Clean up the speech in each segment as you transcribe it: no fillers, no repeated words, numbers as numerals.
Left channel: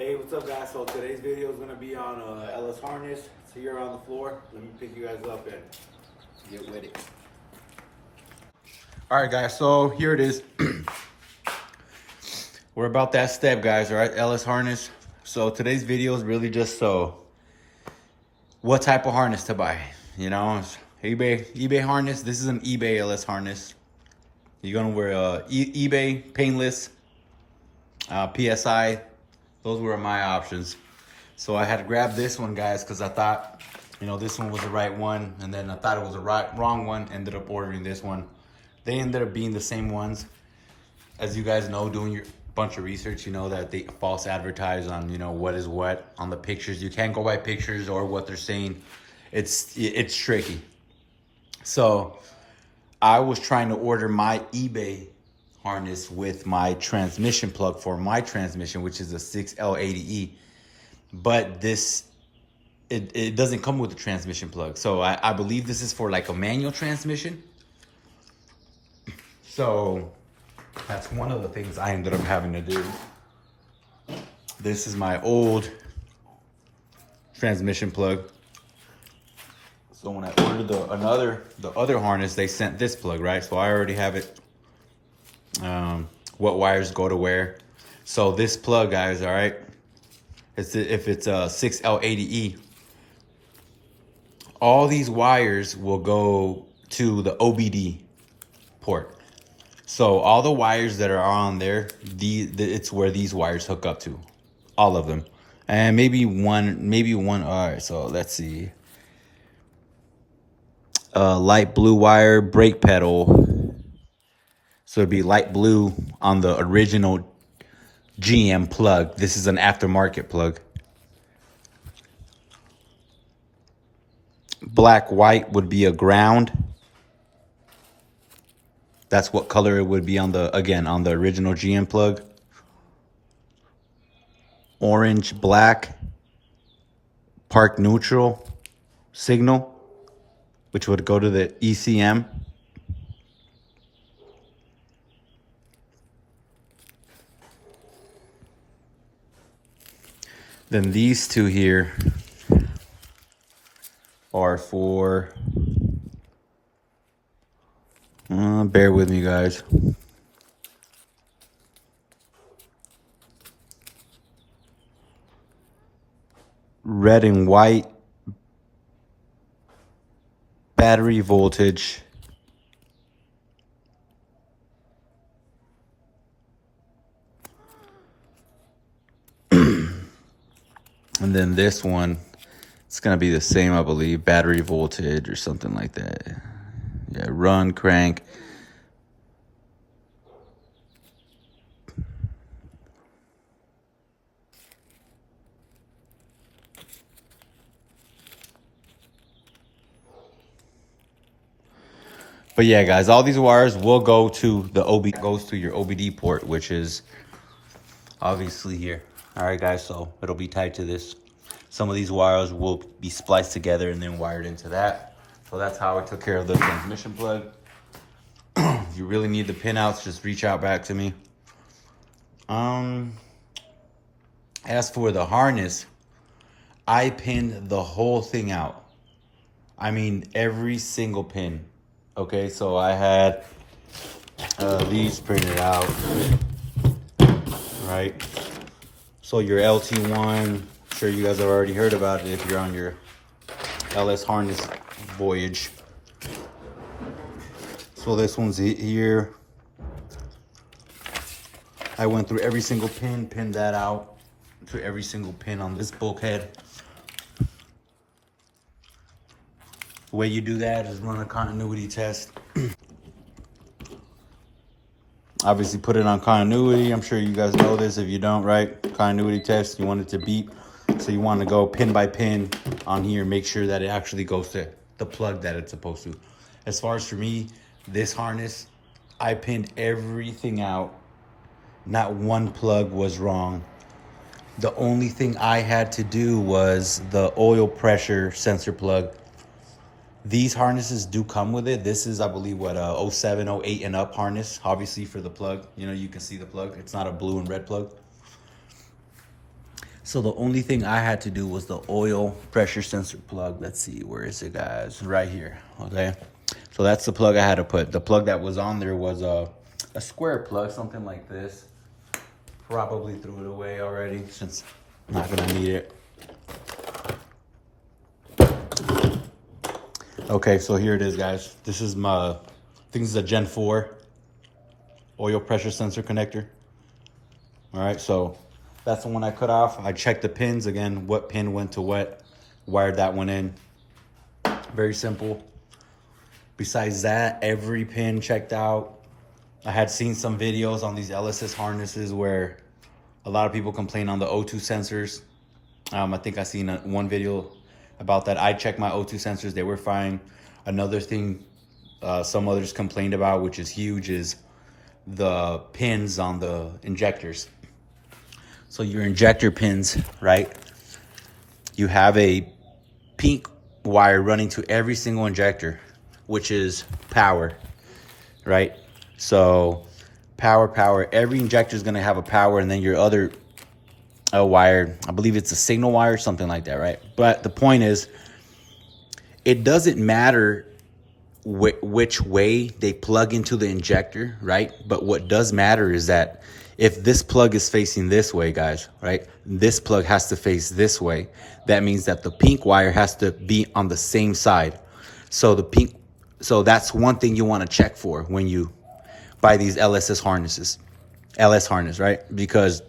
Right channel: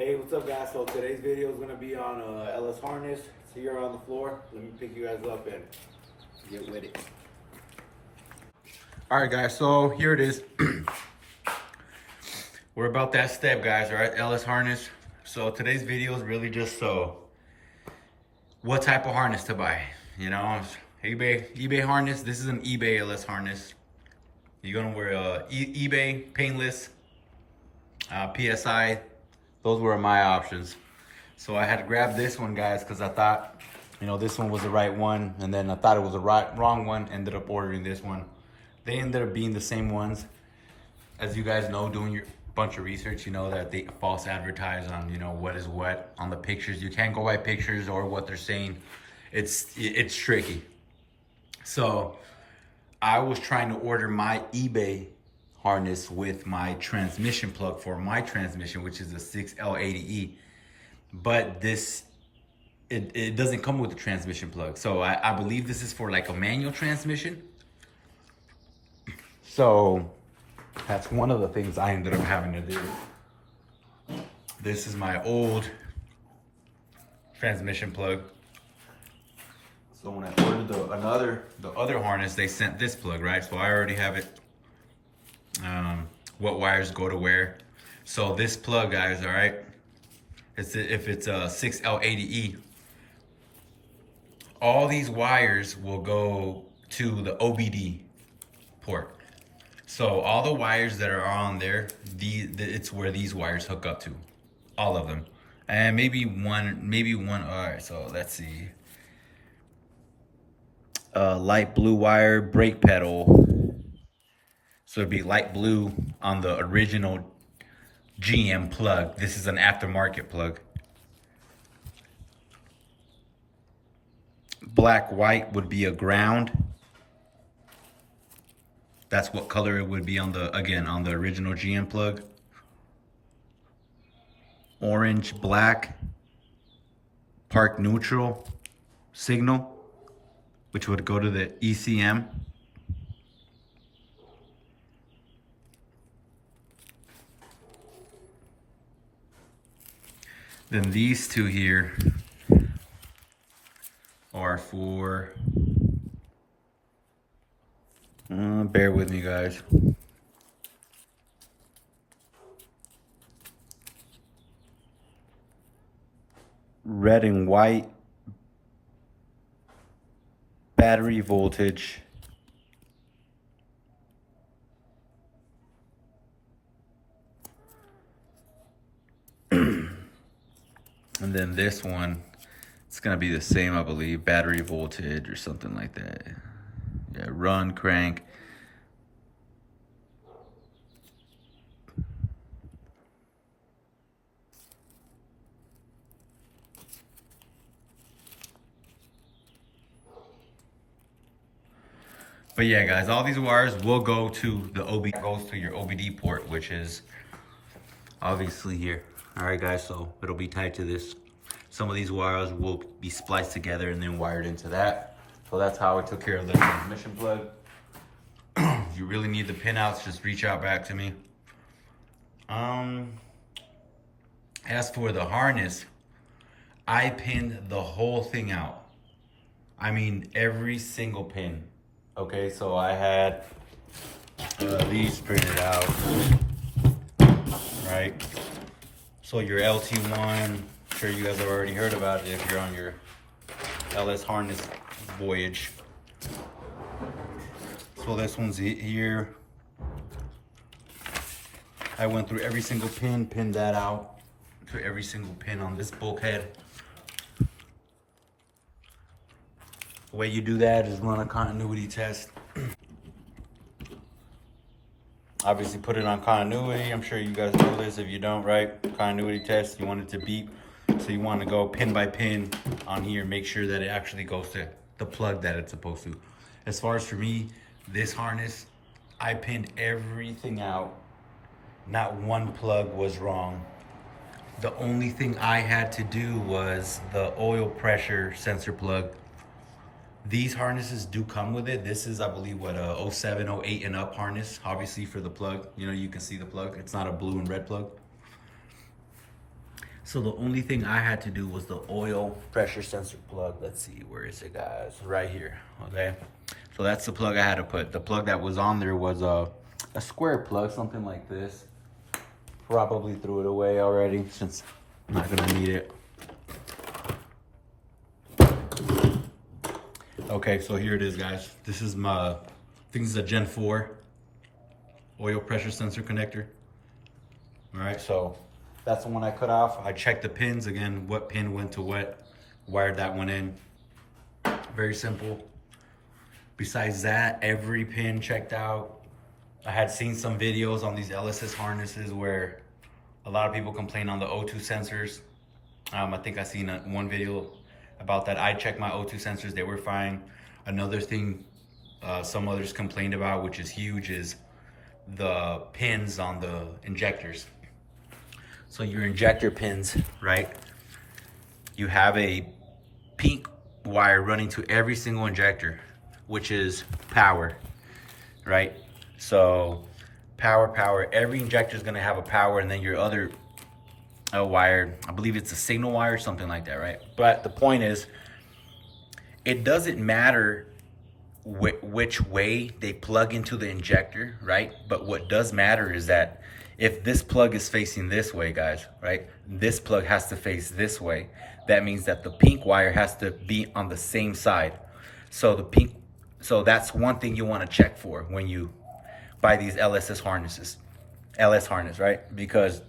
Hey, what's up guys? So today's video is going to be on LS harness. It's here on the floor. Let me pick you guys up and get with it. All right guys, so here it is. We're about that step guys, all right? LS harness. So today's video is really just what type of harness to buy. You know, eBay harness. This is an eBay LS harness. You're gonna wear eBay, painless, PSI. Those were my options. So I had to grab this one, guys, because I thought, you know, this one was the right one. And then I thought it was the wrong one. Ended up ordering this one. They ended up being the same ones. As you guys know, doing your bunch of research, you know that they false advertise on, you know, what is what on the pictures. You can't go by pictures or what they're saying. It's tricky. So I was trying to order my eBay harness with my transmission plug for my transmission, which is a 6L80E. But it doesn't come with a transmission plug. So I believe this is for like a manual transmission. So that's one of the things I ended up having to do. This is my old transmission plug. So when I ordered the other harness, they sent this plug, right? So I already have it. What wires go to where. So this plug, guys, all right? If it's a 6L80E, all these wires will go to the OBD port. So all the wires that are on there, it's where these wires hook up to, all of them, and maybe one. All right, so let's see. Light blue wire, brake pedal. So it'd be light blue on the original GM plug. This is an aftermarket plug. Black white would be a ground. That's what color it would be on the original GM plug. Orange, black, park neutral signal, which would go to the ECM. Then these two here are for, bear with me guys. Red and white battery voltage. And then this one, it's gonna be the same, I believe, battery voltage or something like that. Yeah, run, crank. But yeah, guys, all these wires will go to goes to your OBD port, which is obviously here. All right, guys, so it'll be tied to this. Some of these wires will be spliced together and then wired into that. So that's how I took care of the transmission plug. If you really need the pinouts, just reach out back to me. As for the harness, I pinned the whole thing out. I mean, every single pin. Okay, so I had these printed out, right? So your LT1, I'm sure you guys have already heard about it if you're on your LS harness voyage. So this one's here. I went through every single pin, pinned that out for every single pin on this bulkhead. The way you do that is run a continuity test. Obviously put it on continuity. I'm sure you guys know this. If you don't, right? Continuity test, you want it to beep. So you want to go pin by pin on here, make sure that it actually goes to the plug that it's supposed to. As far as for me, this harness, I pinned everything out. Not one plug was wrong. The only thing I had to do was the oil pressure sensor plug. These harnesses do come with it. This is, I believe, what, a 07, 08 and up harness, obviously for the plug. You know, you can see the plug. It's not a blue and red plug. So the only thing I had to do was the oil pressure sensor plug. Let's see, where is it, guys? Right here, okay? So that's the plug I had to put. The plug that was on there was a square plug, something like this. Probably threw it away already since I'm not gonna need it. Okay, so here it is, guys. This is my, I think this is a Gen 4 oil pressure sensor connector. All right, so that's the one I cut off. I checked the pins again, what pin went to what, wired that one in. Very simple. Besides that, every pin checked out. I had seen some videos on these LSS harnesses where a lot of people complain on the O2 sensors. I think I seen one video about that. I checked my O2 sensors, they were fine. Another thing some others complained about, which is huge, is the pins on the injectors. So your injector pins, right? You have a pink wire running to every single injector, which is power, right? So power, every injector is gonna have a power, and then your other wire, I believe it's a signal wire, something like that, right? But the point is, it doesn't matter which way they plug into the injector, right? But what does matter is that if this plug is facing this way, guys, right? This plug has to face this way. That means that the pink wire has to be on the same side. So that's one thing you want to check for when you buy these LSS harnesses, LS harness, right? Because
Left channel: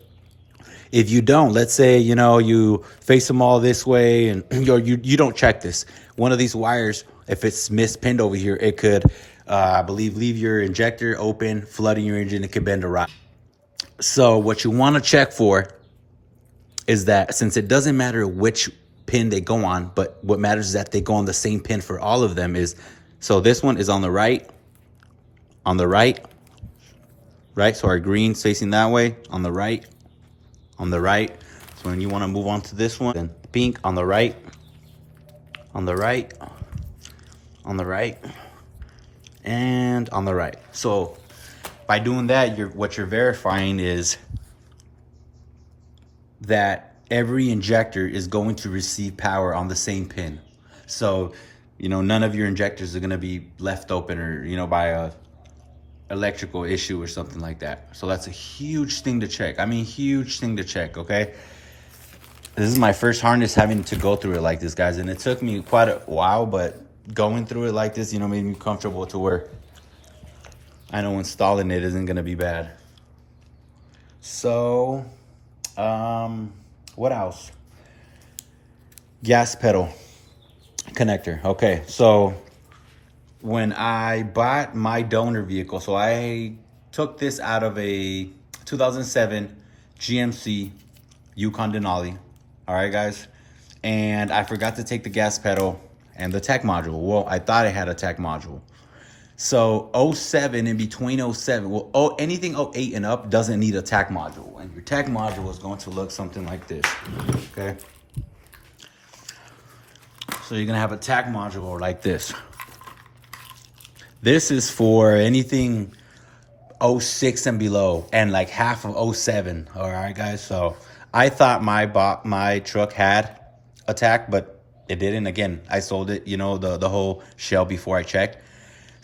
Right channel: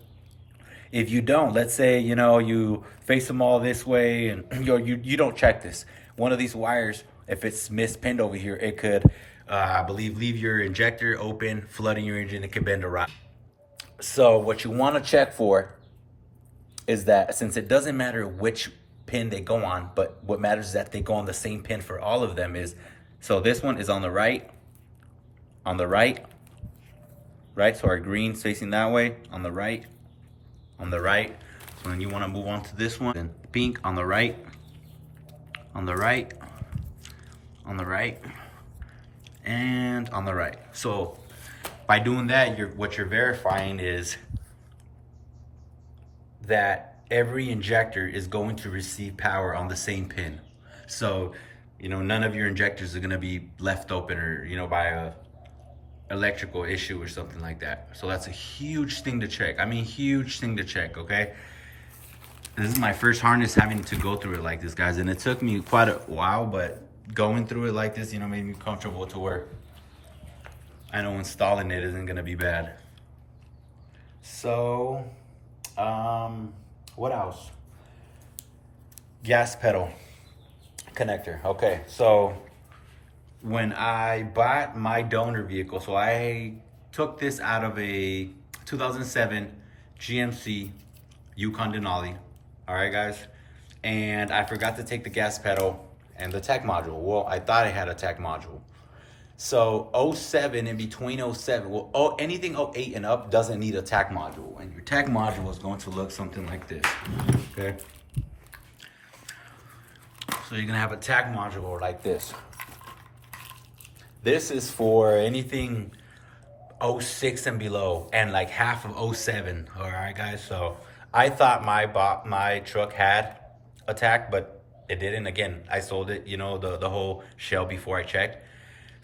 if you don't, let's say, you know, you face them all this way and you don't check this. One of these wires, if it's mispinned over here, it could, I believe, leave your injector open, flooding your engine. It could bend a rock. So what you want to check for is that, since it doesn't matter which pin they go on, but what matters is that they go on the same pin for all of them, is, so this one is on the right, right? So our green's facing that way, on the right. So when you want to move on to this one, then pink on the right, and on the right. So by doing that, what you're verifying is that every injector is going to receive power on the same pin. So, you know, none of your injectors are going to be left open, or, you know, by a electrical issue or something like that. So that's a huge thing to check. I mean, huge thing to check, okay? This is my first harness having to go through it like this, guys, and it took me quite a while, but going through it like this, you know, made me comfortable to where I know installing it isn't gonna be bad. So, what else? Gas pedal connector. Okay, so when I bought my donor vehicle, so I took this out of a 2007 GMC Yukon Denali. All right, guys. And I forgot to take the gas pedal and the tach module. Well, I thought I had a tach module. So 07, in between 07, well, anything 08 and up doesn't need a tach module. And your tach module is going to look something like this, okay? So you're gonna have a tach module like this. This is for anything 06 and below, and like half of 07, all right, guys? So I thought my truck had a tach, but it didn't. Again, I sold it, you know, the whole shell before I checked.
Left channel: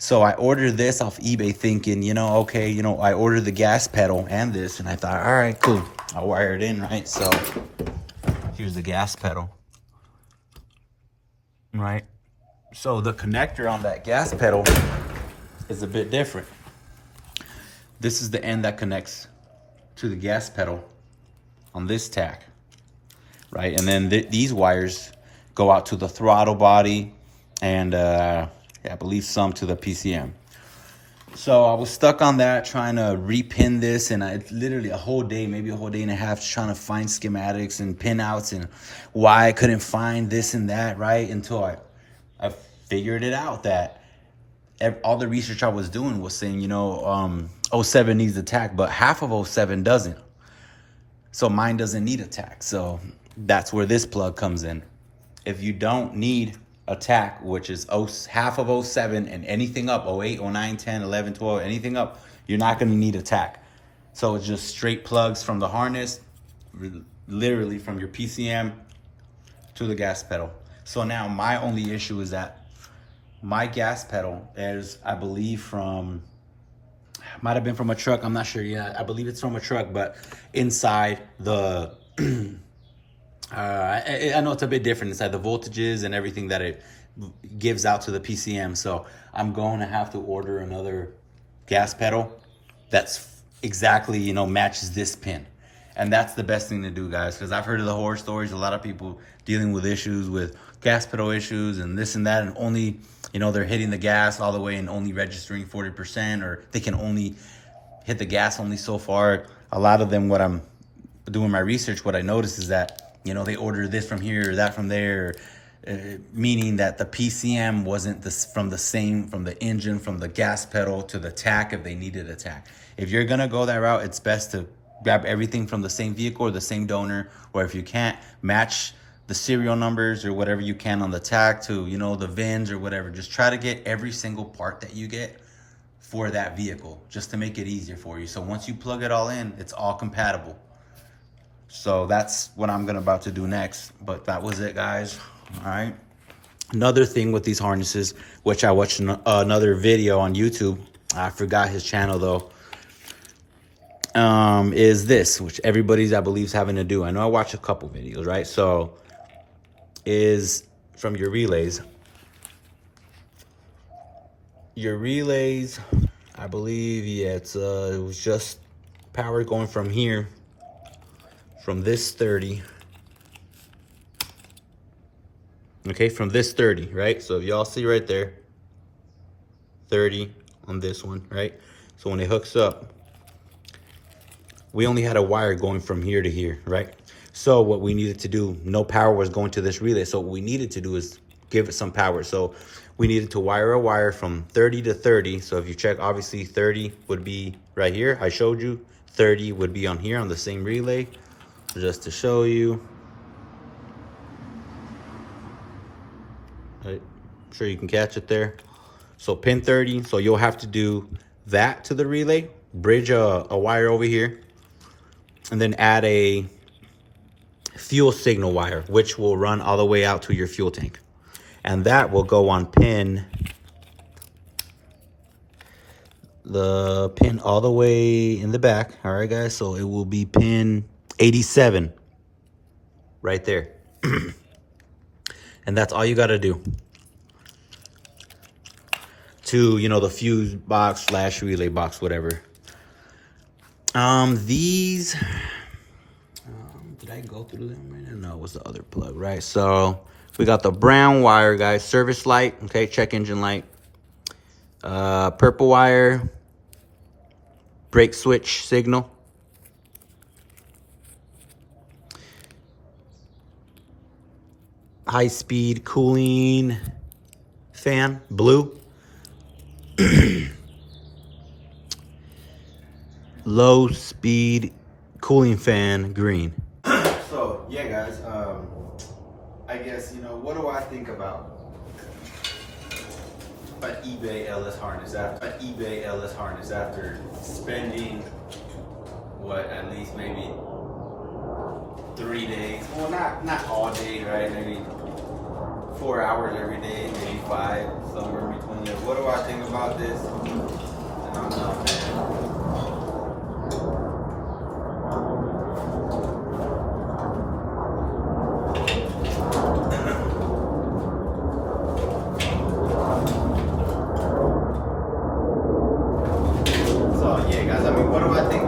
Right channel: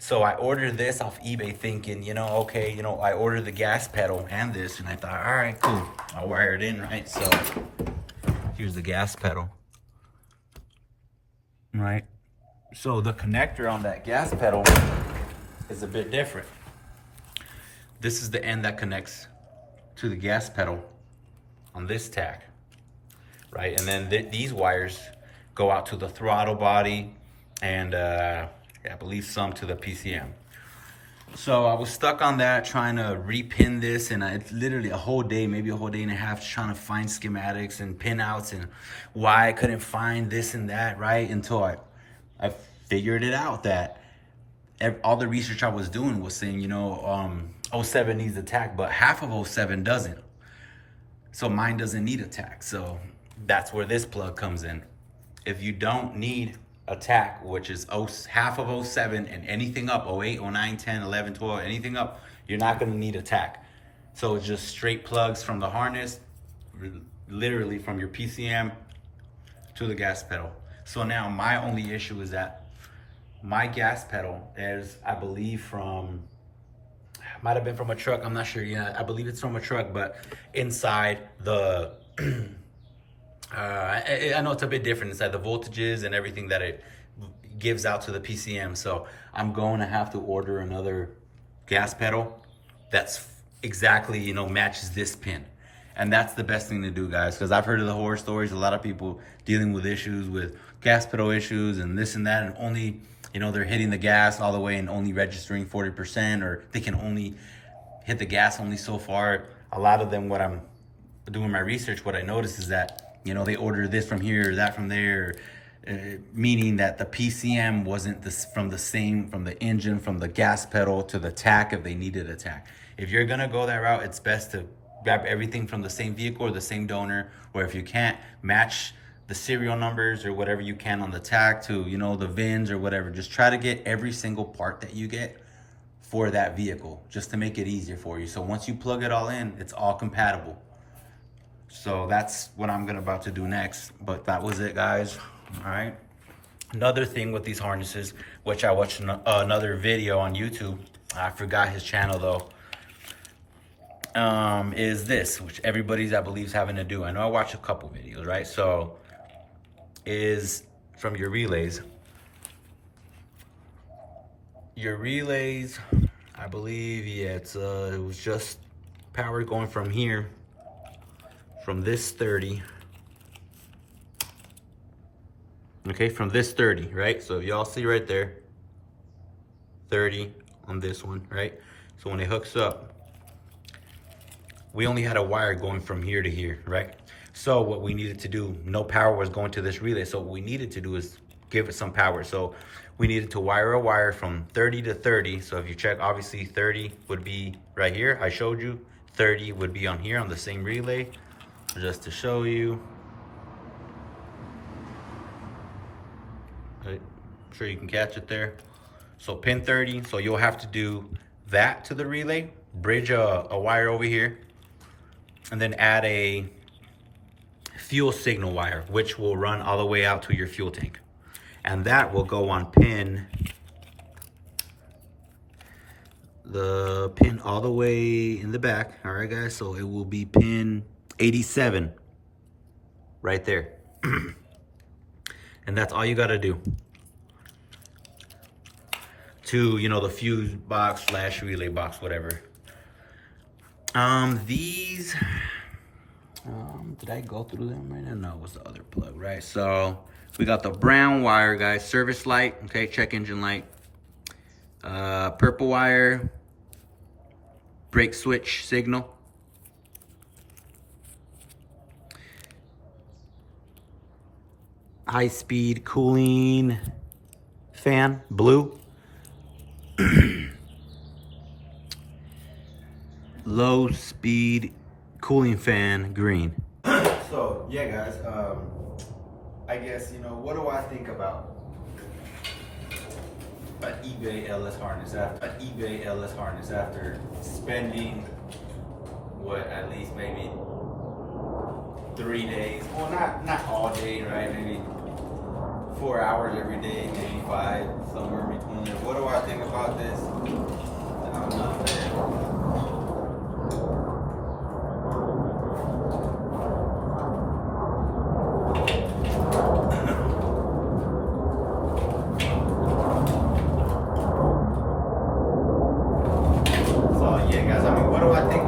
So I ordered this off eBay thinking, you know, okay, you know, I ordered the gas pedal and this, and I thought, all right, cool. I'll wire it in, right? So here's the gas pedal, right? So the connector on that gas pedal is a bit different. This is the end that connects to the gas pedal on this tach, right? And then these wires go out to the throttle body and I believe some to the PCM. So I was stuck on that, trying to repin this, and I literally a whole day, maybe a whole day and a half, trying to find schematics and pinouts and why I couldn't find this and that, right? Until I figured it out that all the research I was doing was saying, you know, 07 needs a tach, but half of 07 doesn't. So mine doesn't need a tach. So that's where this plug comes in. If you don't need a tach, which is half of 07 and anything up, 08, 09, 10, 11, 12, anything up, you're not gonna need a tach. So it's just straight plugs from the harness, literally from your PCM to the gas pedal. So now my only issue is that my gas pedal is, I believe, from, might have been from a truck, I'm not sure yet. I believe it's from a truck, but inside the, I know it's a bit different inside the voltages and everything that it gives out to the PCM. So I'm going to have to order another gas pedal that's exactly, you know, matches this pin. And that's the best thing to do, guys, because I've heard of the horror stories, a lot of people dealing with issues with gas pedal issues and this and that, and only, you know, they're hitting the gas all the way and only registering 40%, or they can only hit the gas only so far. A lot of them, what I'm doing my research, what I noticed is that, you know, they order this from here, that from there, meaning that the PCM wasn't from the engine, from the gas pedal to the tach if they needed a tach. If you're gonna go that route, it's best to grab everything from the same vehicle or the same donor, or if you can't, match the serial numbers or whatever you can on the tach to, you know, the VINs or whatever. Just try to get every single part that you get for that vehicle, just to make it easier for you. So once you plug it all in, it's all compatible. So that's what I'm about to do next. But that was it, guys. All right. Another thing with these harnesses, which I watched another video on YouTube, I forgot his channel though, is this, which everybody's, I believe, is having to do. I know I watched a couple videos, right? So is from your relays. Your relays, I believe, yeah, it was just power going from here, from this 30. Okay, from this 30, right? So if y'all see right there, 30 on this one, right? So when it hooks up, we only had a wire going from here to here, right? So what we needed to do, no power was going to this relay. So what we needed to do is give it some power. So we needed to wire a wire from 30 to 30. So if you check, obviously 30 would be right here. I showed you 30 would be on here on the same relay. Just to show you. Right, I'm sure you can catch it there. So pin 30, so you'll have to do that to the relay, bridge a wire over here, and then add a fuel signal wire, which will run all the way out to your fuel tank. And that will go on the pin all the way in the back. All right, guys, so it will be pin 87 right there. And that's all you got to do to, you know, the fuse box / relay box, whatever. These, did I go through them right now? No, it was the other plug, right? So we got the brown wire, guys, service light, okay, check engine light. Purple wire, brake switch signal. High speed cooling fan, blue. Low speed cooling fan, green. So yeah, guys, I guess, you know, what do I think about an eBay LS harness after spending what, at least maybe 3 days, well, not all day, right? Maybe 4 hours every day, maybe 5, somewhere in between there. What do I think about this? I don't know, man.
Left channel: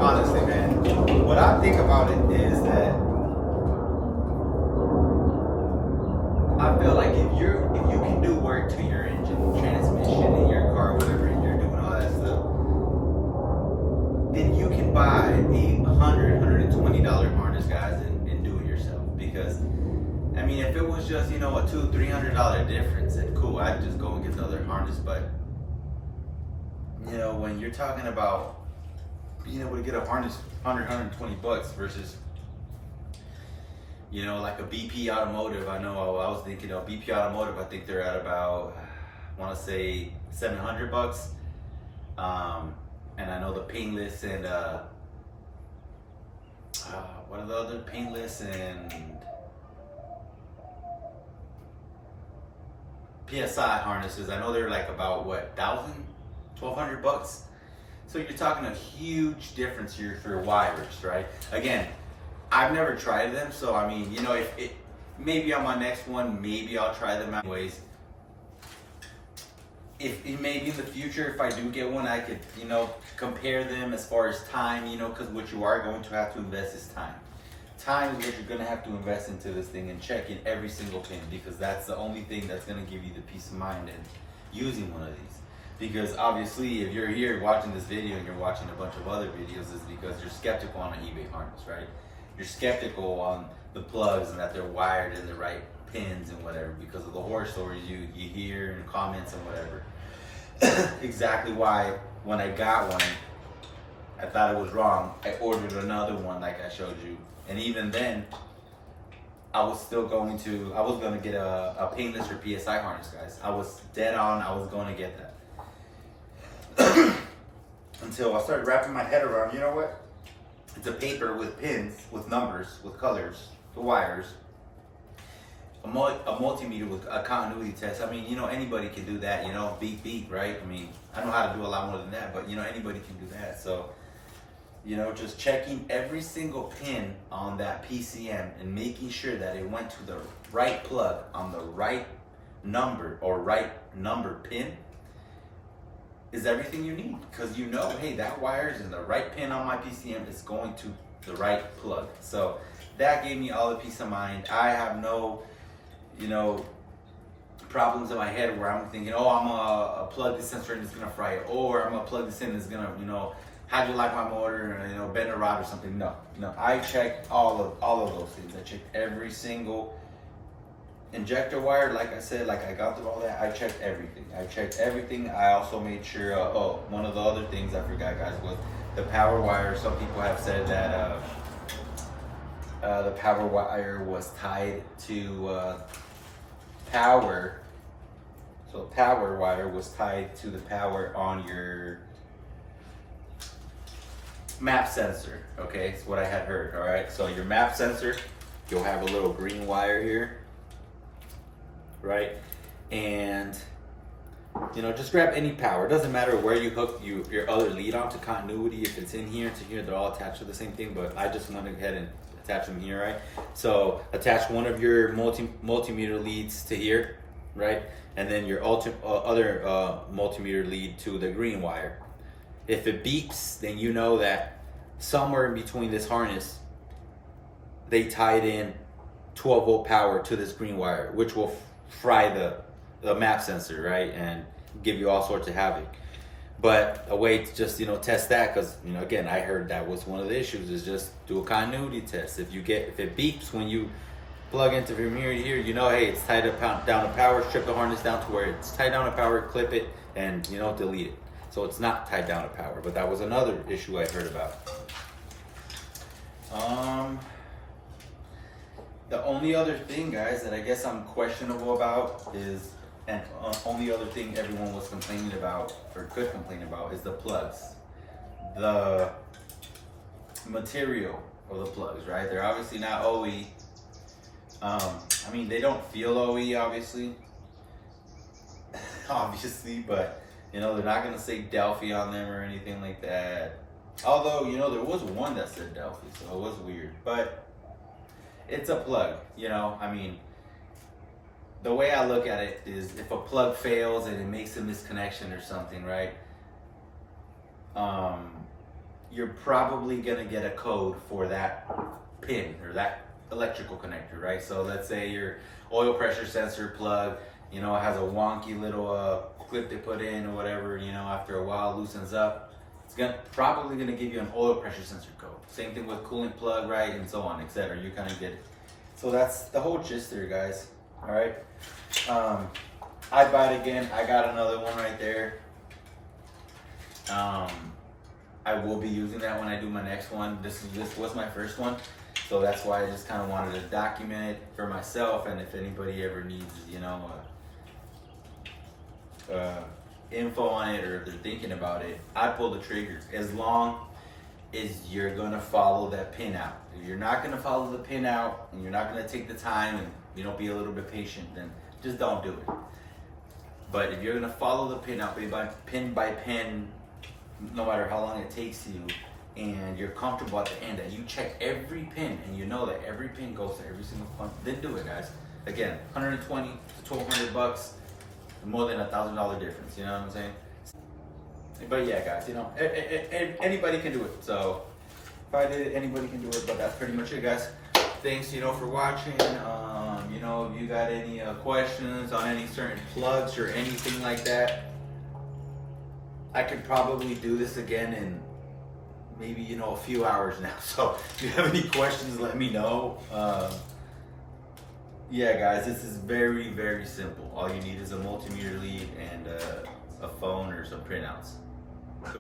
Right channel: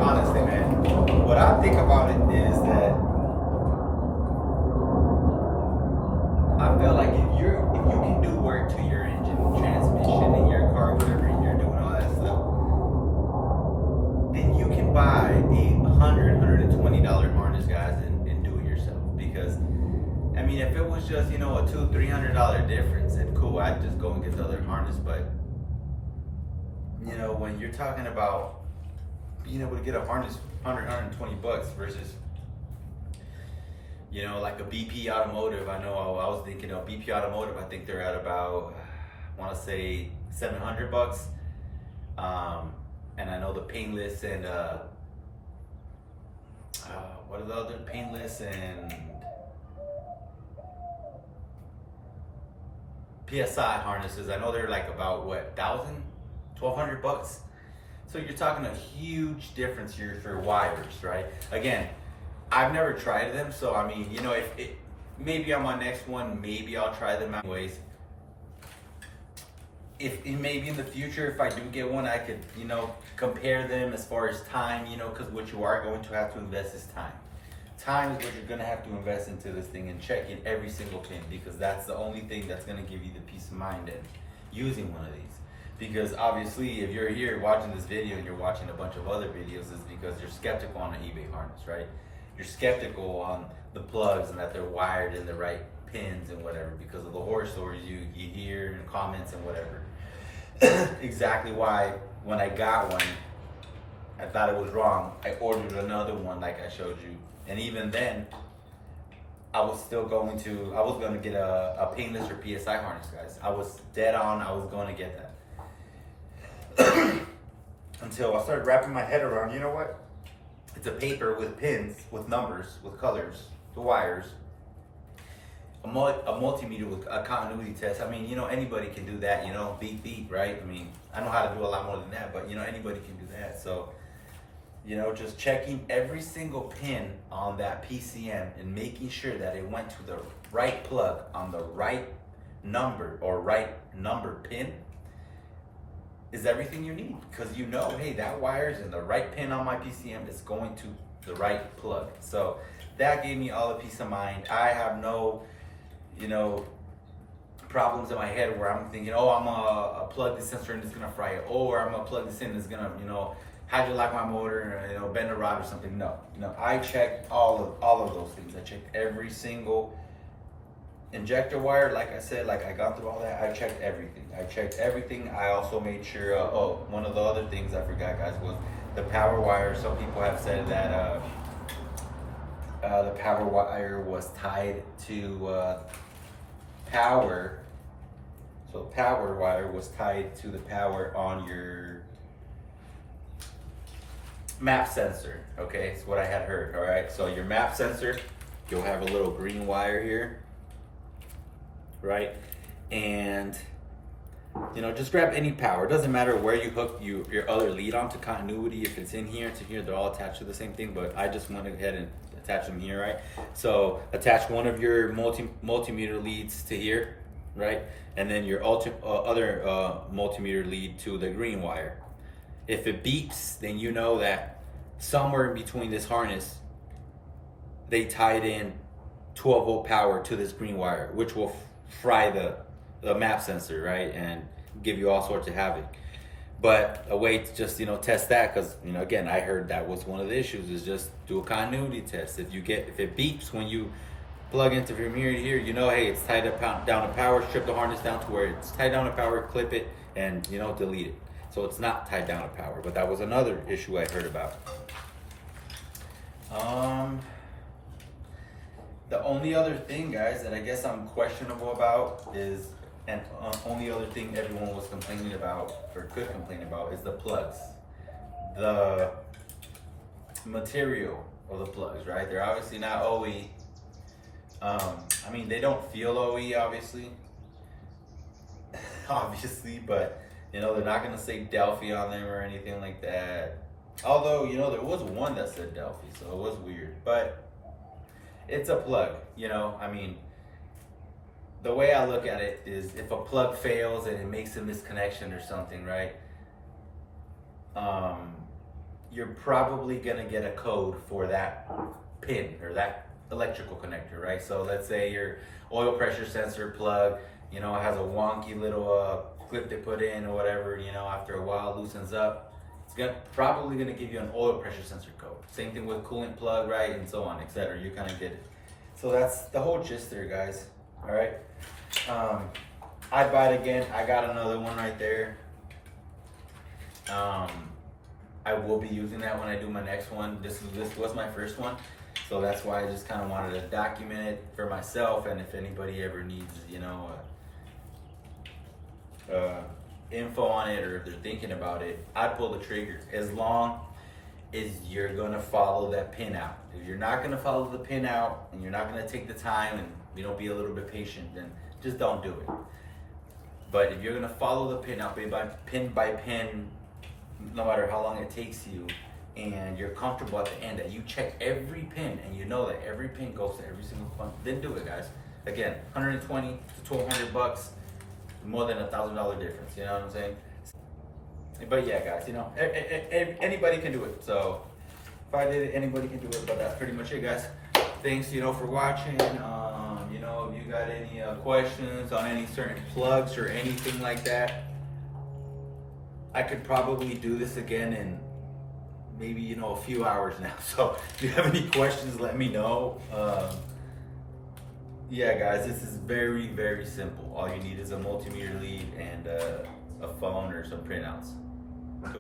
Honestly, man, what I think about it is that I feel like if you can do work to your engine, transmission, in your car, whatever, and you're doing all that stuff, then you can buy a $120 harness, guys, and do it yourself. Because I mean, if it was just, you know, a $200-300 difference, then cool, I'd just go and get the other harness. But you know, when you're talking about being able to get a harness $100-120 versus, you know, like a BP Automotive. I know I was thinking of BP Automotive. I think they're at about, I want to say $700. And I know the Painless and what are the other painless and PSI harnesses? I know they're like about what, 1,200 bucks. So you're talking a huge difference here for wires, right? Again, I've never tried them, so I mean, you know, if it, maybe on my next one, maybe I'll try them out. Anyways, if maybe in the future, if I do get one, I could, you know, compare them as far as time, you know, because what you are going to have to invest is time. Time is what you're going to have to invest into this thing and checking every single pin, because that's the only thing that's going to give you the peace of mind in using one of these. Because obviously, if you're here watching this video and you're watching a bunch of other videos, it's because you're skeptical on an eBay harness, right? You're skeptical on the plugs and that they're wired in the right pins and whatever, because of the horror stories you hear in comments and whatever. Exactly why when I got one, I thought it was wrong. I ordered another one like I showed you. And even then, I was going to get a painless or PSI harness, guys. I was dead on, I was going to get that. Until I started wrapping my head around, you know what? It's a paper with pins, with numbers, with colors, the wires, a multimeter with a continuity test. I mean, you know, anybody can do that, you know, beep, beep, right? I mean, I know how to do a lot more than that, but, you know, anybody can do that. So, you know, just checking every single pin on that PCM and making sure that it went to the right plug on the right number or right number pin is everything you need, because you know, hey, that wire's in the right pin on my PCM, is going to the right plug. So that gave me all the peace of mind. I have no, you know, problems in my head where I'm thinking, oh, I'm gonna plug this sensor and it's gonna fry it, or I'm gonna plug this in and it's gonna, you know, hydrolyze my motor, or, you know, bend a rod or something. No, I checked all of those things. I checked every single injector wire, like I said, like I got through all that. I checked everything. I also made sure, oh, one of the other things I forgot, guys, was the power wire. Some people have said that the power wire was tied to power. So power wire was tied to the power on your map sensor. Okay, it's what I had heard. All right, so your map sensor, you'll have a little green wire here, right? And you know, just grab any power. It doesn't matter where you hook your other lead onto continuity. If it's in here to here, they're all attached to the same thing, but I just went ahead and attach them here, right? So attach one of your multimeter leads to here, right? And then your other multimeter lead to the green wire. If it beeps, then you know that somewhere in between this harness, they tied in 12 volt power to this green wire, which will fry the map sensor, right? And give you all sorts of havoc. But a way to just, you know, test that, because, you know, again, I heard that was one of the issues, is just do a continuity test. If it beeps when you plug into from here to here, you know, hey, it's tied down to power. Strip the harness down to where it's tied down to power, clip it, and, you know, delete it. So it's not tied down to power. But that was another issue I heard about. The only other thing, guys, that I guess I'm questionable about is, and only other thing everyone was complaining about, or could complain about, is the plugs. The material of the plugs, right? They're obviously not OE. I mean, they don't feel OE, obviously. Obviously, but, you know, they're not going to say Delphi on them or anything like that. Although, you know, there was one that said Delphi, so it was weird. But it's a plug, you know? I mean, the way I look at it is, if a plug fails and it makes a misconnection or something, right? You're probably gonna get a code for that pin or that electrical connector, right? So let's say your oil pressure sensor plug, you know, it has a wonky little clip they put in or whatever, you know, after a while loosens up. It's probably gonna give you an oil pressure sensor code. Same thing with coolant plug, right? And so on, etc. You kind of get it. So that's the whole gist there, guys. All right. I bought again. I got another one right there. I will be using that when I do my next one. This was my first one, so that's why I just kind of wanted to document it for myself. And if anybody ever needs, you know, info on it, or if they're thinking about it, I'd pull the trigger. As long is you're gonna follow that pin out. If you're not gonna follow the pin out and you're not gonna take the time and be a little bit patient, then just don't do it. But if you're gonna follow the pin out pin by pin, no matter how long it takes you, and you're comfortable at the end that you check every pin and you know that every pin goes to every single one, then do it, guys. Again, 120 to 1,200 bucks, more than $1,000 difference. You know what I'm saying? But yeah, guys, anybody can do it. So if I did it, anybody can do it. But that's pretty much it, guys. Thanks, for watching. If you got any questions on any certain plugs or anything like that, I could probably do this again in maybe a few hours now. So if you have any questions, let me know. Yeah, guys, this is very, very simple. All you need is a multimeter lead and a phone or some printouts.